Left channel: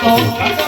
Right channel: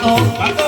Oh,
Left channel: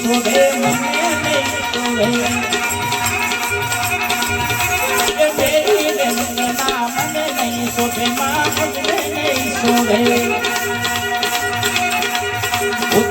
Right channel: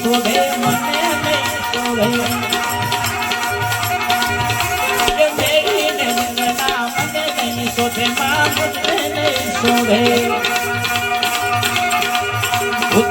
શોભે મને નહીં શોભે હું